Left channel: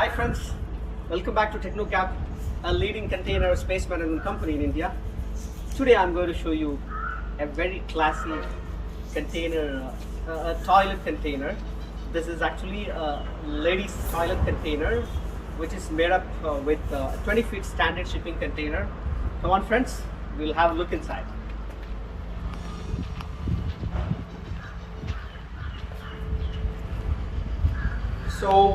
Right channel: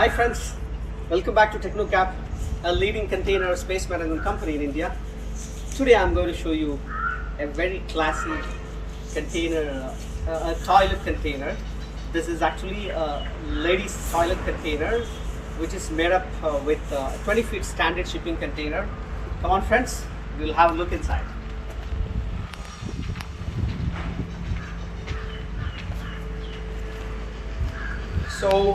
Hi friends, welcome back to TechnoCap, a leading container space management company in India. Today I'm going to show you a very classy container, a toilet container. This is actually a ladies toilet container which is made up with 20 feet standard shipping container. Come on friends, we'll have a look inside. So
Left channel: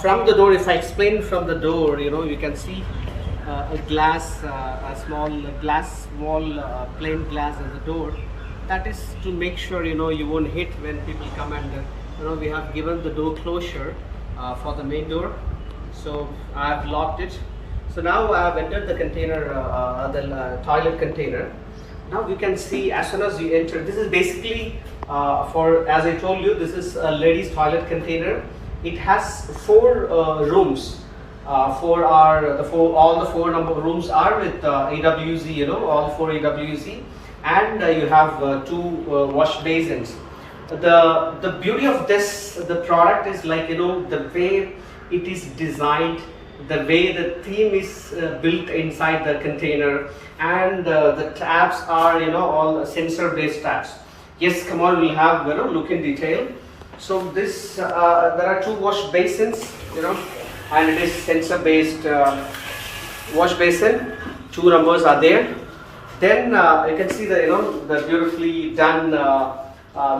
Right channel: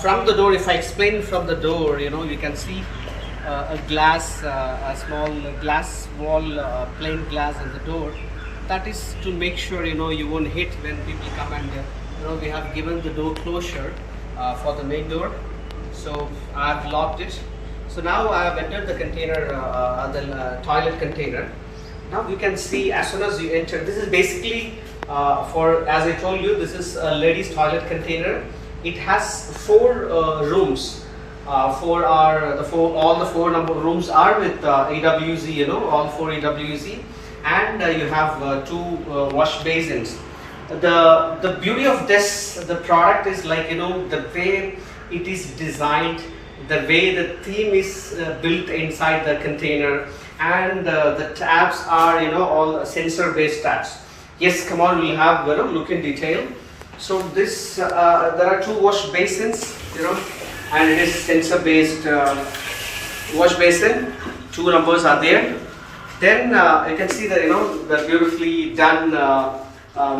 from the door, if I explain from the door, you can see a glass, a small glass wall, plain glass in the door. That is to make sure you won't hit when people come, and we have given the door closure for the main door. So I have locked it. So now I have entered the container, the toilet container. Now you can see as soon as you enter, this is basically as I told you, this is a ladies toilet container. It has 4 rooms. All the four number rooms are with AWZ, all 4 AWZ, and you have 2 wash basins. The beauty of this, the product is like the way it is designed, the way the theme is built inside the container, and the tabs are all sensor based tabs. Yes, come on, we'll have look in detail. So this there are 2 wash basins, and it is sensor based wash basin. 2 numbers are there. Then you can see the beautifully done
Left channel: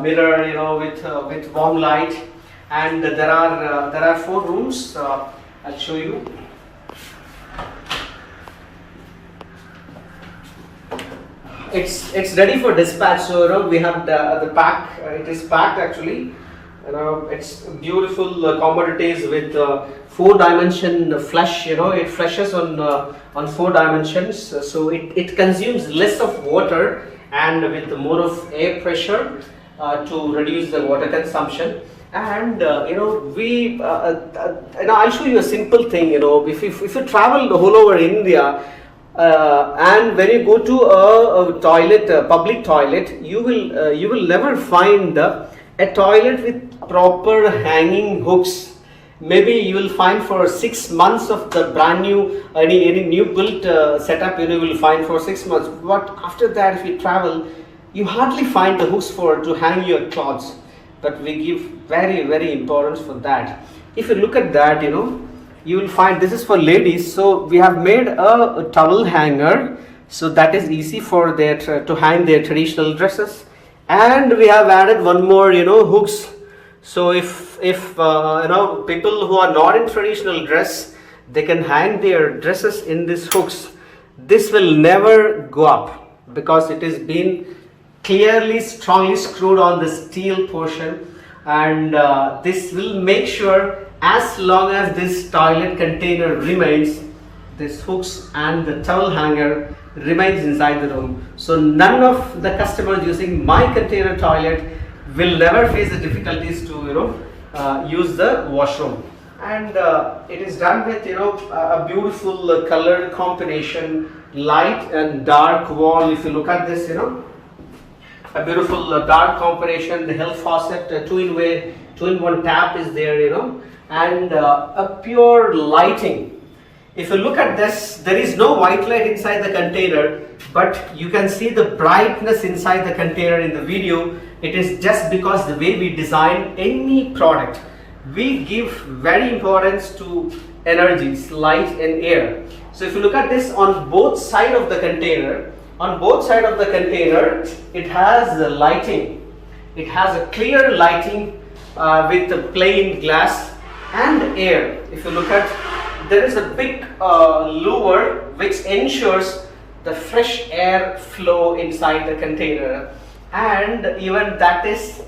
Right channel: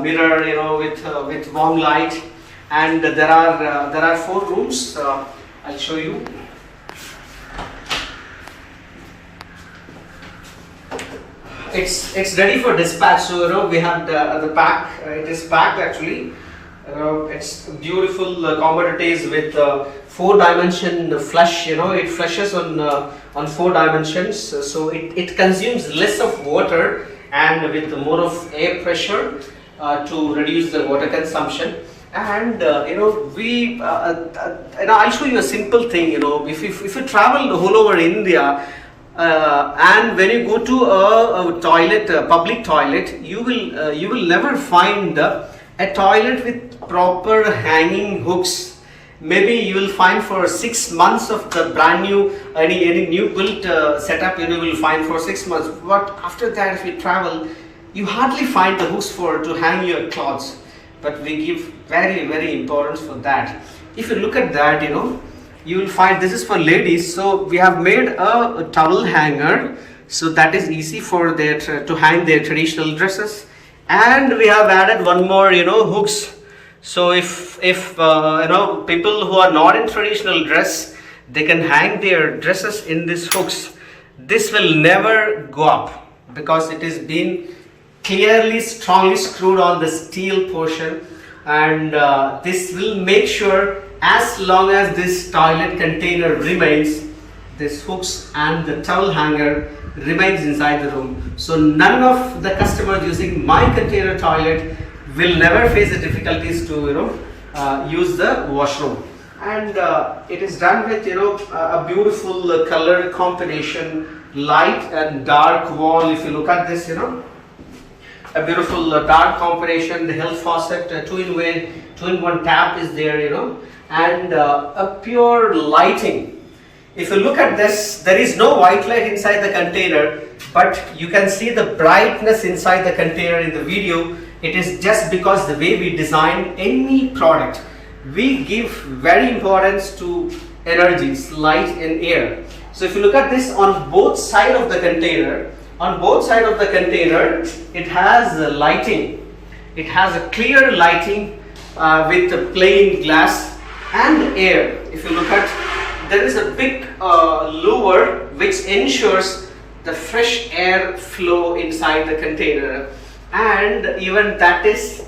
mirror, with warm light, and there are 4 rooms. I'll show you. It's ready for dispatch. So we have the pack. It is packed actually. It's beautiful commodities with 4-dimension flush. It flushes on 4 dimensions, so it consumes less of water and with more of air pressure to reduce the water consumption. And I'll show you a simple thing. If you travel the whole over India, and when you go to a toilet, a public toilet, you will never find a toilet with proper hanging hooks. Maybe you will find for 6 months of the brand new, any new built setup, you will find for 6 months. But after that, if you travel, you hardly find the hooks to hang your clothes. But we give very, very importance for that. If you look at that, you will find this is for ladies. So we have made a towel hanger, so that is easy for their to hang their traditional dresses. And we have added one more, hooks. So if people who are not in traditional dress, they can hang their dresses in these hooks. This will never go up because it is been clearly strongly screwed on the steel portion, and this will make sure as long as this toilet container remains, these hooks and the towel hanger remains inside the room. So none of the customers using my container toilet will never face the difficulties to use the washroom. And it is done with a beautiful color combination, light and dark wall. If you look at this, a beautiful dark combination. The health faucet, 2-in-1 tap is there, and a pure lighting. If you look at this, there is no white light inside the container, but you can see the brightness inside the container in the video. It is just because the way we design any product, we give very importance to energies, light and air. So if you look at this on both sides of the container, it has the lighting. It has a clear lighting with a plain glass and air. If you look at, there is a big louver which ensures the fresh air flow inside the container, and even that is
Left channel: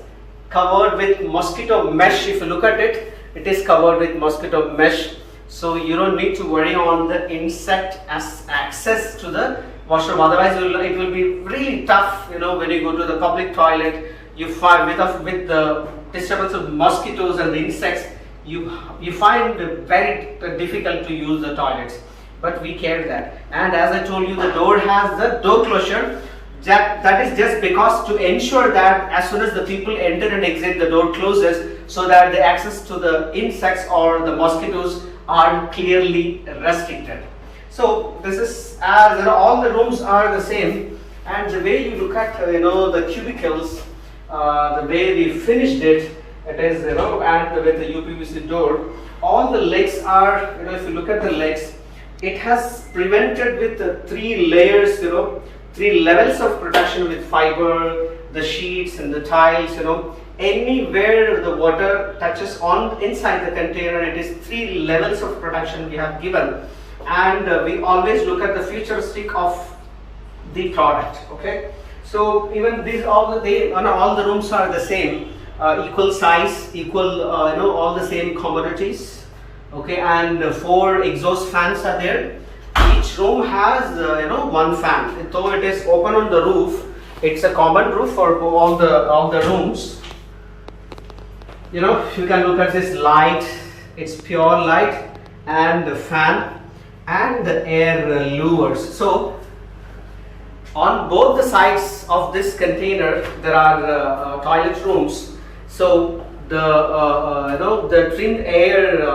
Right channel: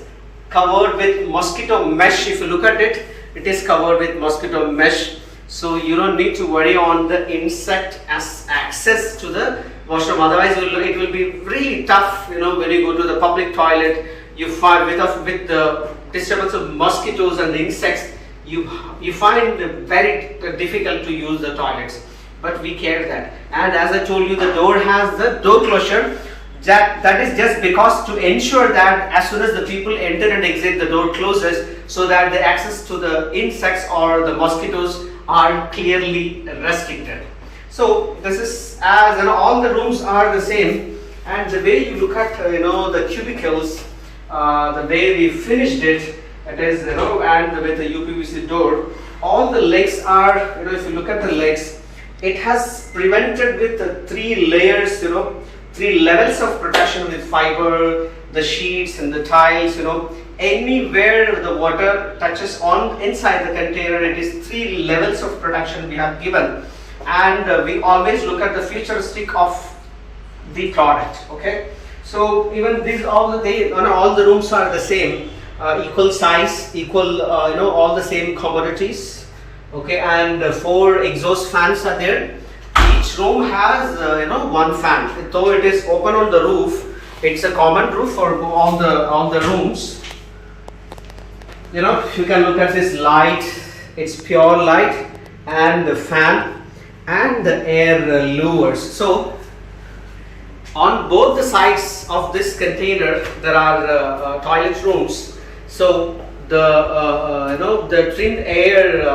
covered with mosquito mesh. If you look at it, it is covered with mosquito mesh, so you don't need to worry on the insect as access to the washroom. Otherwise it will be really tough, when you go to the public toilet, you find with the disturbance of mosquitoes and the insects, you find it very difficult to use the toilets. But we care that. And as I told you, the door has the door closure. That is just because to ensure that as soon as the people enter and exit, the door closes, so that the access to the insects or the mosquitoes are clearly restricted. So this is, as all the rooms are the same, and the way you look at the cubicles, the way we finished it, it is and with the UPVC door, all the legs are if you look at the legs, it has prevented with 3 layers, 3 levels of protection with fiber, the sheets and the tiles, anywhere the water touches on inside the container, it is 3 levels of protection we have given. And we always look at the futuristic of the product. Okay, so even these all the rooms are the same, equal size, equal all the same commodities. Okay, and 4 exhaust fans are there. Each room has 1 fan, though it is open on the roof. It's a common roof for all the rooms. If you can look at this light, it's pure light, and the fan and the air lures. So on both the sides of this container there are toilet rooms. So the trimmed air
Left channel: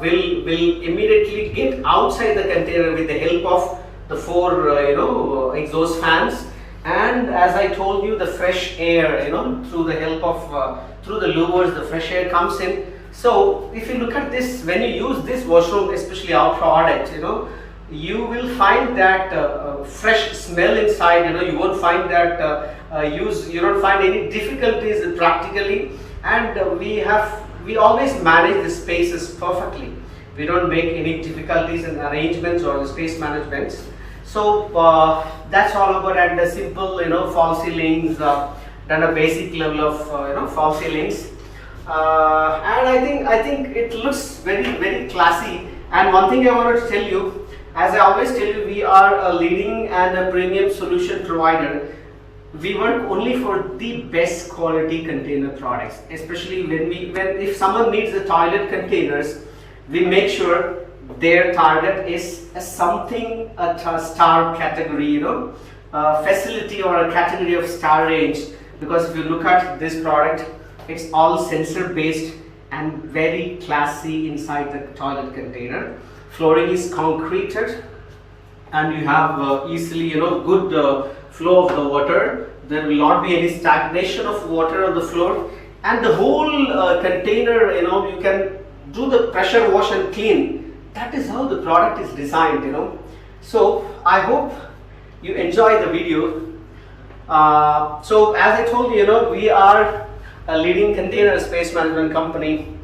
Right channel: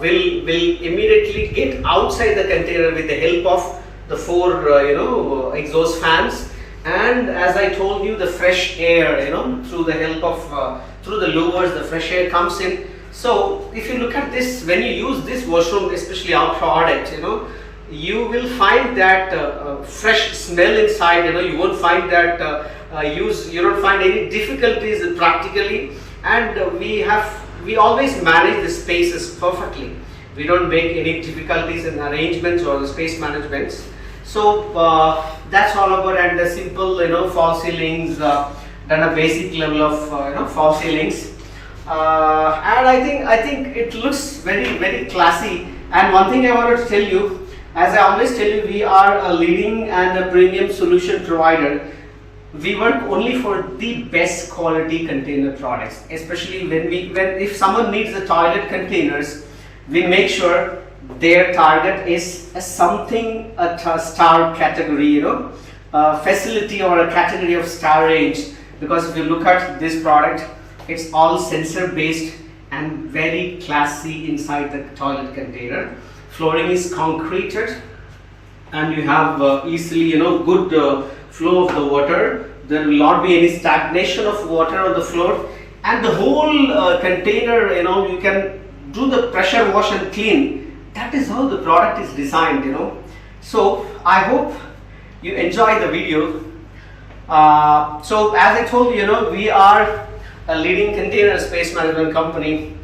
will immediately get outside the container with the help of the 4 exhaust fans, and as I told you, the fresh air through the help of through the louvers, the fresh air comes in. So if you look at this, when you use this washroom, especially our product, you will find that fresh smell inside. You won't find that you don't find any difficulties practically, and we always manage the spaces perfectly. We don't make any difficulties in arrangements or the space managements. So that's all about, and the simple fall ceilings, done a basic level of fall ceilings. And I think it looks very classy. And one thing I wanted to tell you, as I always tell you, we are a leading and a premium solution provider. We work only for the best quality container products, especially when if someone needs the toilet containers, we make sure their target is a star category, facility or a category of star range. Because if you look at this product, it's all sensor based and very classy inside the toilet container. Flooring is concreted, and you have easily good flow of the water. There will not be any stagnation of water on the floor, and the whole container you can do the pressure wash and clean. That is how the product is designed. So I hope you enjoy the video. So as I told you, we are a leading container space management company.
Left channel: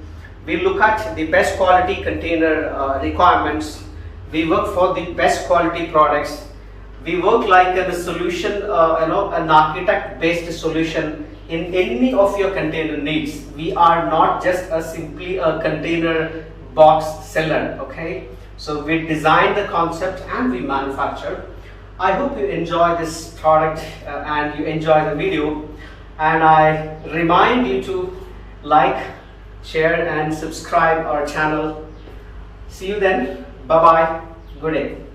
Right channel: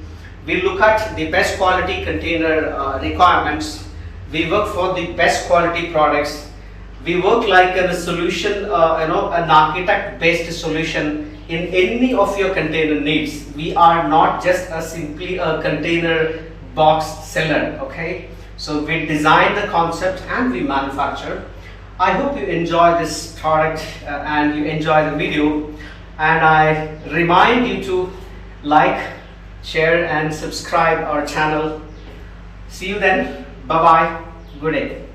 We look at the best quality container requirements. We work for the best quality products. We work like a solution, an architect-based solution in any of your container needs. We are not just simply a container box seller. Okay, so we design the concept and we manufacture. I hope you enjoy this product and you enjoy the video, and I remind you to like, share and subscribe our channel. See you then. Bye bye. Good day.